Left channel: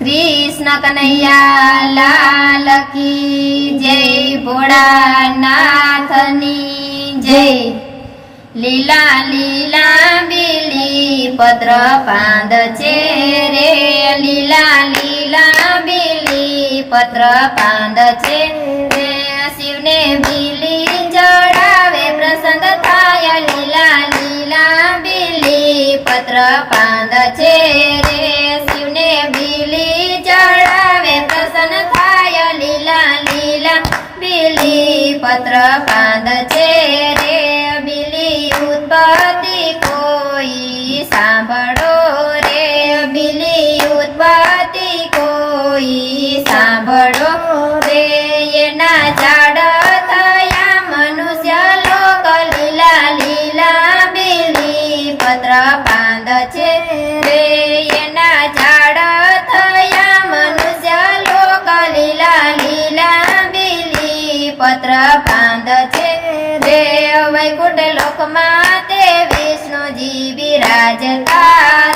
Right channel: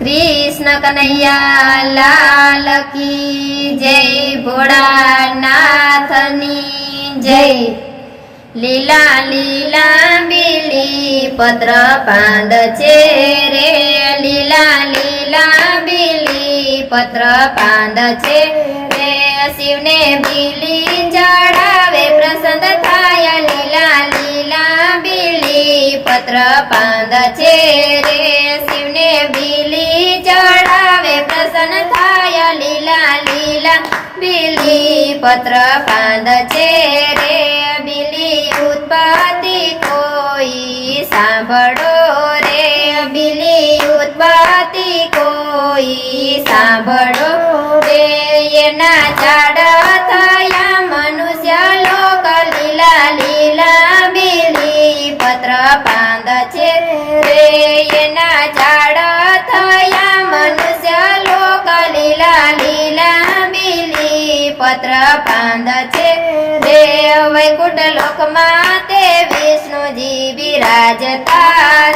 कृष्ण कन्हैया लाल की जय। भोळानाथनी जय। લીલા લીલા બીલી પત્ર પાંદ છે રે, લીલા લીલા બીલી પત્ર પાંદ છે રે, શિવને બીલી ચડાવે પ્રસન્ન થાય, લીલા લીલા બીલી પત્ર પાંદ છે રે, શિવને બીલી ચડાવે પ્રસન્ન થાય, લીલા લીલા બીલી પત્ર પાંદ છે રે, બીલી उत्पत्ति कोई सांभळो रे, बीली उत्पत्ति कोई सांभळो रे, एना झाड थया मनुष्य लोक, लीला लीला बीली पत्र પાંદ છે रे, एना झाड थया मनुष्य लोक, लीला लीला बीली पत्र પાંદ છે रे, वैकुंठ लोक माते विष्णुजी विराजता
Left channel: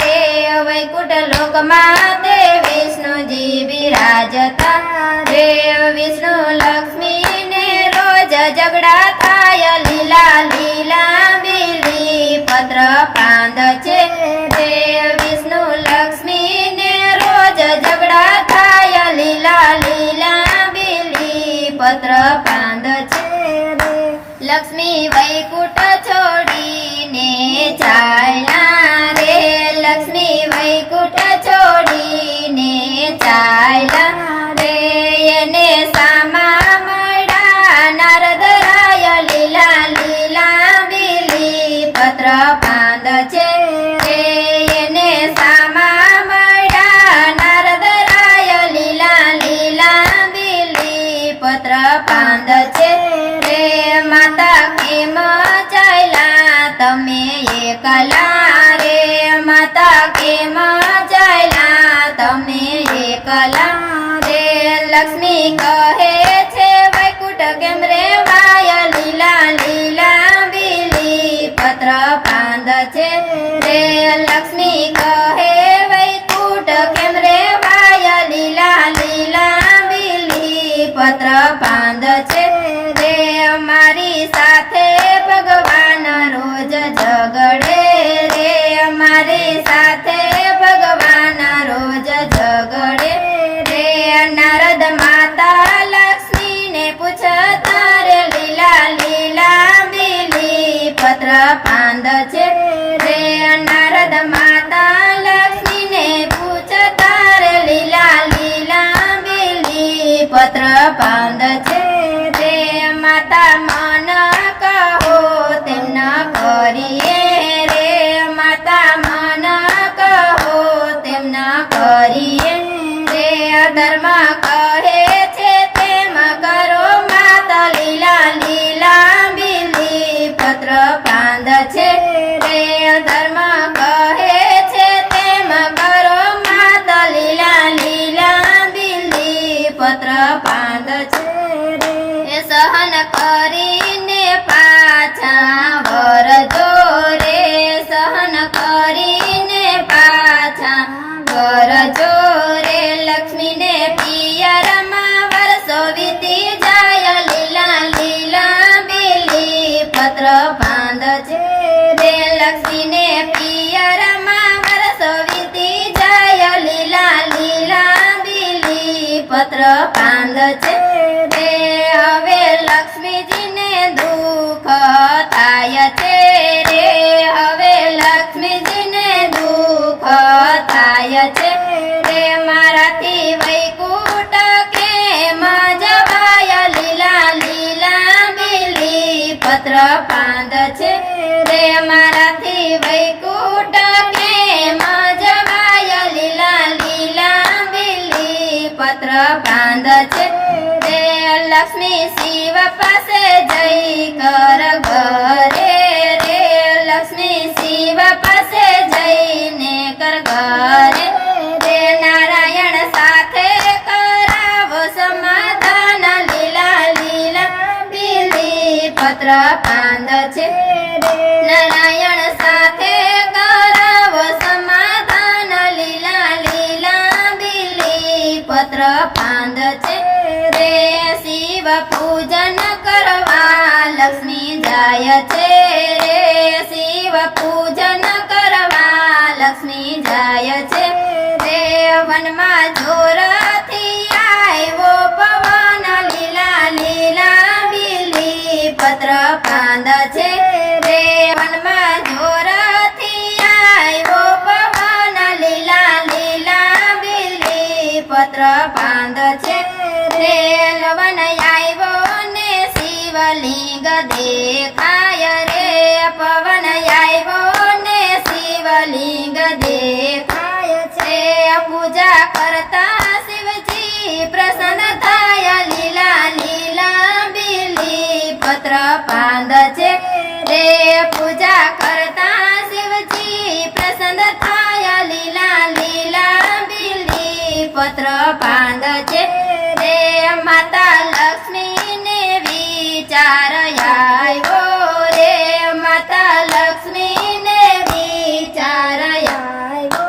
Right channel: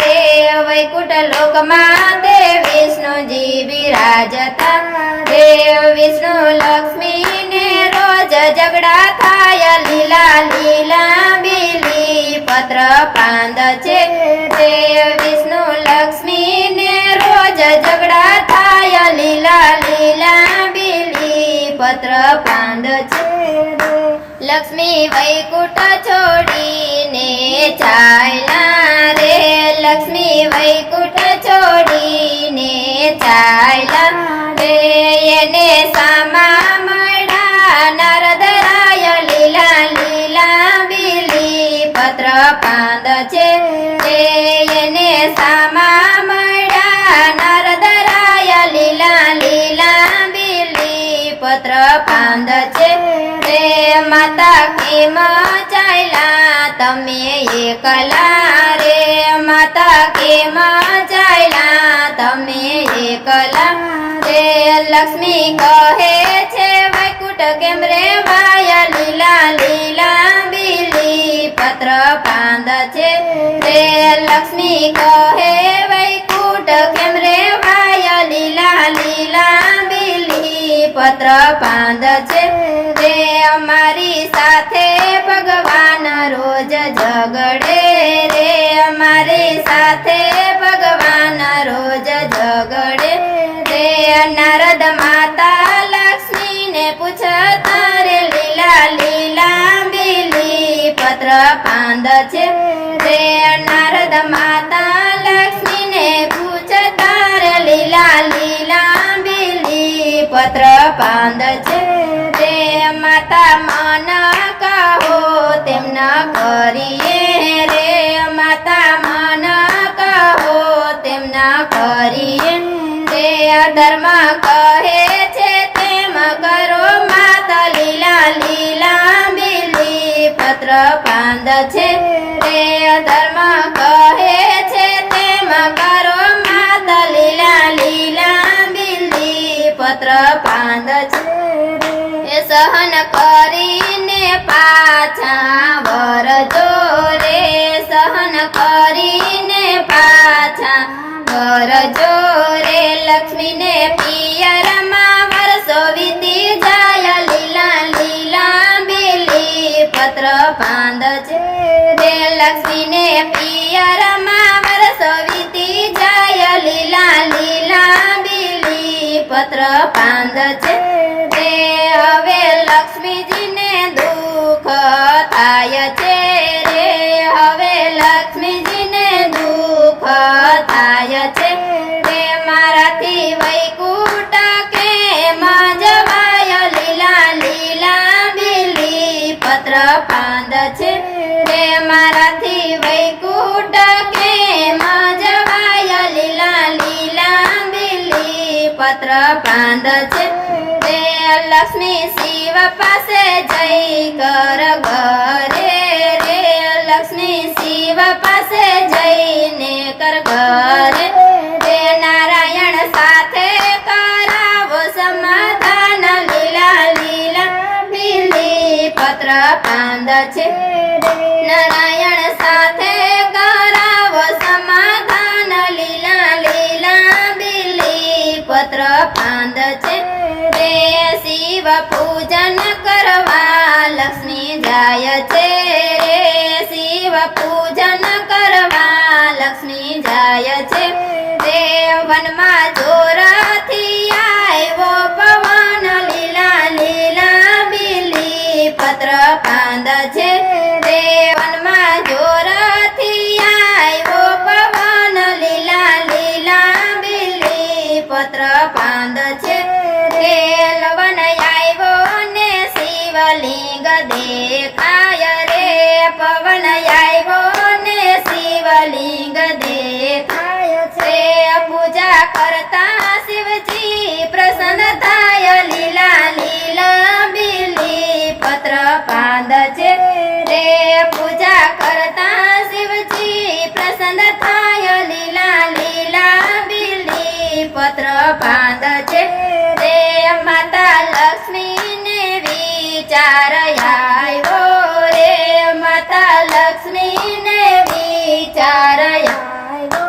रे, वैकुंठ लोक माते विष्णुजी विराजता रे, विष्णु लक्ष्मी ने रोज झगड़ा थाय, लीला लीला बीली पत्र પાંદ છે रे, विष्णु लक्ष्मी ने रोज झगड़ा थाय, लीला लीला बीली पत्र પાંદ છે रे, लक्ष्मी वैकुंठ छोड़ीने चाल्या रे, लक्ष्मी वैकुंठ छोड़ीने चाल्या रे, एने सामा मळ्या नारदराय, लीला लीला बीली पत्र પાંદ છે रे, एने सामा मळ्या नारदराय, लीला लीला बीली पत्र પાંદ છે रे, माता केम चायला तमे एकला रे, माता केम चायला तमे एकला रे, लक्ष्मी कहे छे वैकुंठ केम रे वाय, लीला लीला बीली पत्र પાંદ છે रे, लक्ष्मी कहे वैकुंठ केम रे वाय, लीला लीला बीली पत्र પાંદ છે रे, અમારી સાથે ભગવાન રોજ ઝગડે રે, અમારી સાથે ભગવાન રોજ ઝગડે રે, નારદ માતા લક્ષ્મી ને પૂછતા રે, લીલા લીલા બીલી પત્ર પાંદ છે રે, નારદ માતા લક્ષ્મી ને પૂછતા રે, લીલા લીલા બીલી પત્ર પાંદ છે રે, माता मन कहो तेम न करिए रे, माता मन कहो तेम न करिए रे, धर्म कहे छे तेम करो माता, लीला लीला बीली पत्र પાંદ છે रे, धर्म कहे छे तेम करो माता, लीला लीला बीली पत्र પાંદ છે रे, सहन करीने पाछा वरजो रे, सहन करीने पाछा वरजो रे, लक्ष्मी ने पियर मा वर्षो वीती जाय, लीला लीला बीली पत्र પાંદ છે रे, लक्ष्मी ने पियर मा वर्षो वीती जाय, लीला लीला बीली पत्र પાંદ છે रे, હવે લક્ષ્મીજી ને દુઃખ થાય છે રે, હવે લક્ષ્મીજી ને દુઃખ થાય છે રે, મારાથી વૈકુંઠ કેમ જવાય, લીલા લીલા બીલી પત્ર પાંદ છે રે, મારાથી વૈકુંઠ કેમ જવાય, લીલા લીલા બીલી પત્ર પાંદ છે રે, लक्ष्मी शिव पासे जय कर घरे रे, लक्ष्मी शिव पासे जय ने कर घरे रे, नारायण साथे करावो समाधान, लीला लीला बीली पत्र પાંદ છે रे, नारायण साथे करावो समाधान, लीला लीला बीली પાંદ છે રે શિવ પૂજન કરવા લક્ષ્મી જાય છે રે શિવ પૂજન કરવા લક્ષ્મી જાય છે રે વનમાં જોરથી આવ્યો પવન લીલા લીલા બીલી પત્ર પાંદ છે રે વનમાં જોરથી આવ્યો પવન લીલા લીલા બીલી પત્ર પાંદ છે રે લવન આવ્યો ને શિવલિંગ દેખાય રે પવન આવ્યો ને શિવલિંગ દેખાય છે પૂજા કરતા શિવજી પ્રસન્ન થાય લીલા લીલા બીલી પત્ર પાંદ છે રે પૂજા કરતા શિવજી પ્રસન્ન થાય લીલા લીલા બીલી પત્ર પાંદ છે રે માતા લક્ષ્મી ને વિચાર આવ્યો રે માતા લક્ષ્મી ને વિચાર આવ્યો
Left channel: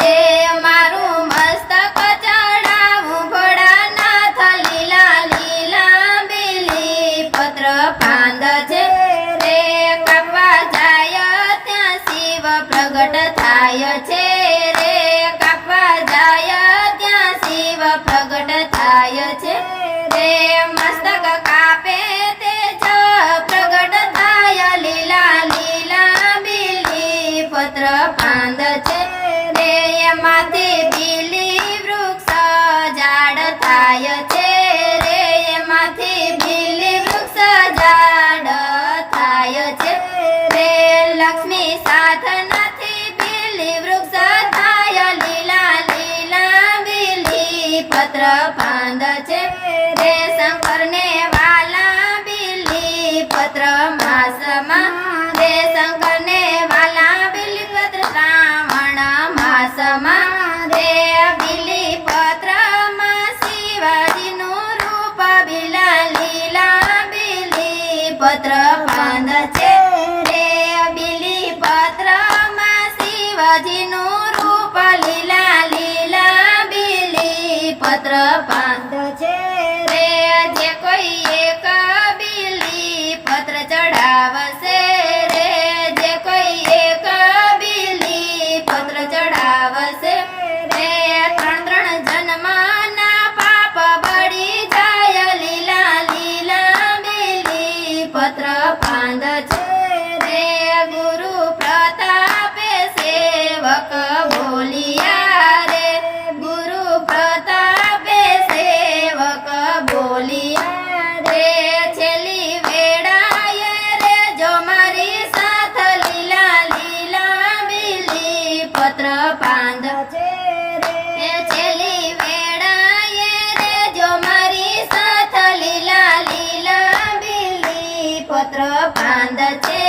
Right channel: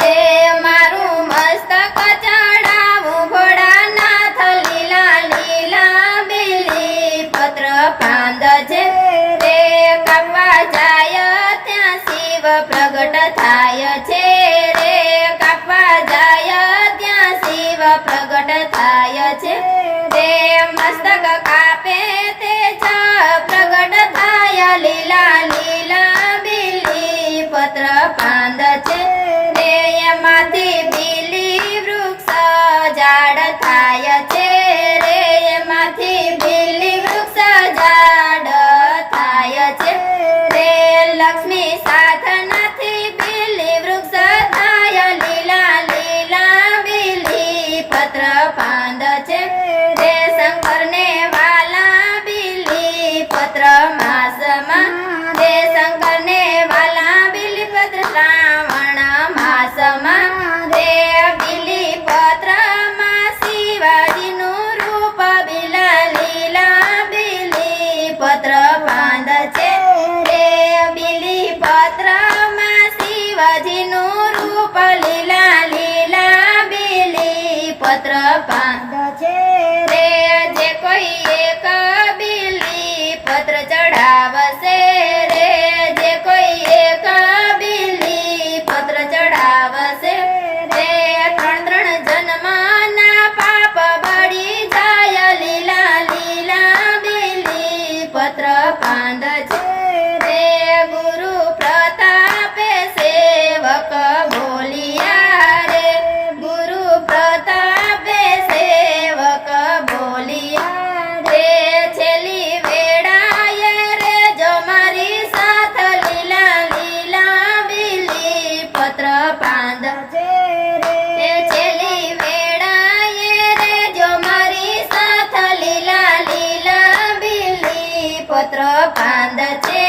રે મારું મસ્તક ચડાવું ભોળાનાથ લીલા લીલા બીલી પત્ર પાંદ છે રે કાપવા જાય ત્યાં શિવ પ્રગટ થાય છે રે કાપવા જાય ત્યાં શિવ પ્રગટ થાય છે રે મસ્તક કાપે તે જ પ્રગટ થાય લીલા લીલા બીલી પત્ર પાંદ છે રે એમાંથી બીલી વૃક્ષ ઝાડ થાય છે રે એમાંથી બીલી વૃક્ષ ઝાડ થાય છે રે લક્ષ્મી સાધનાથી બીલી વૃક્ષ થાય લીલા લીલા બીલી પત્ર પાંદ છે રે શંકરને વાલા બીલી પત્ર માસમાં રે શંકરને વાલા બીલી પત્ર શ્રાવણ માસમાં રે બીલી પત્રમાં શિવાજીનું રૂપ બીલા લીલા બીલી પત્ર પાંદ છે રે બીલી પત્રમાં શિવાજીનું રૂપ લીલા લીલા બીલી પત્ર પાંદ છે રે જે કોઈ એક બીલી પત્ર ચડાવશે રે જે કોઈ એક બીલી પત્ર ચડાવશે રે ત્રણ ત્રણ જન્મના પાપ બળી જાય લીલા લીલા બીલી પત્ર પાંદ છે રે ગુરુ પ્રતાપે સેવક બોલિયા રે ગુરુ પ્રતાપે સેવક બોલિયા રે છેલ્લી વેળાએ રે જો મારી સાથ લીલા લીલા બીલી પત્ર પાંદ છે રે છેલ્લી વેળાએ રે જો મારી સાથ લીલા લીલા બીલી પત્ર પાંદ છે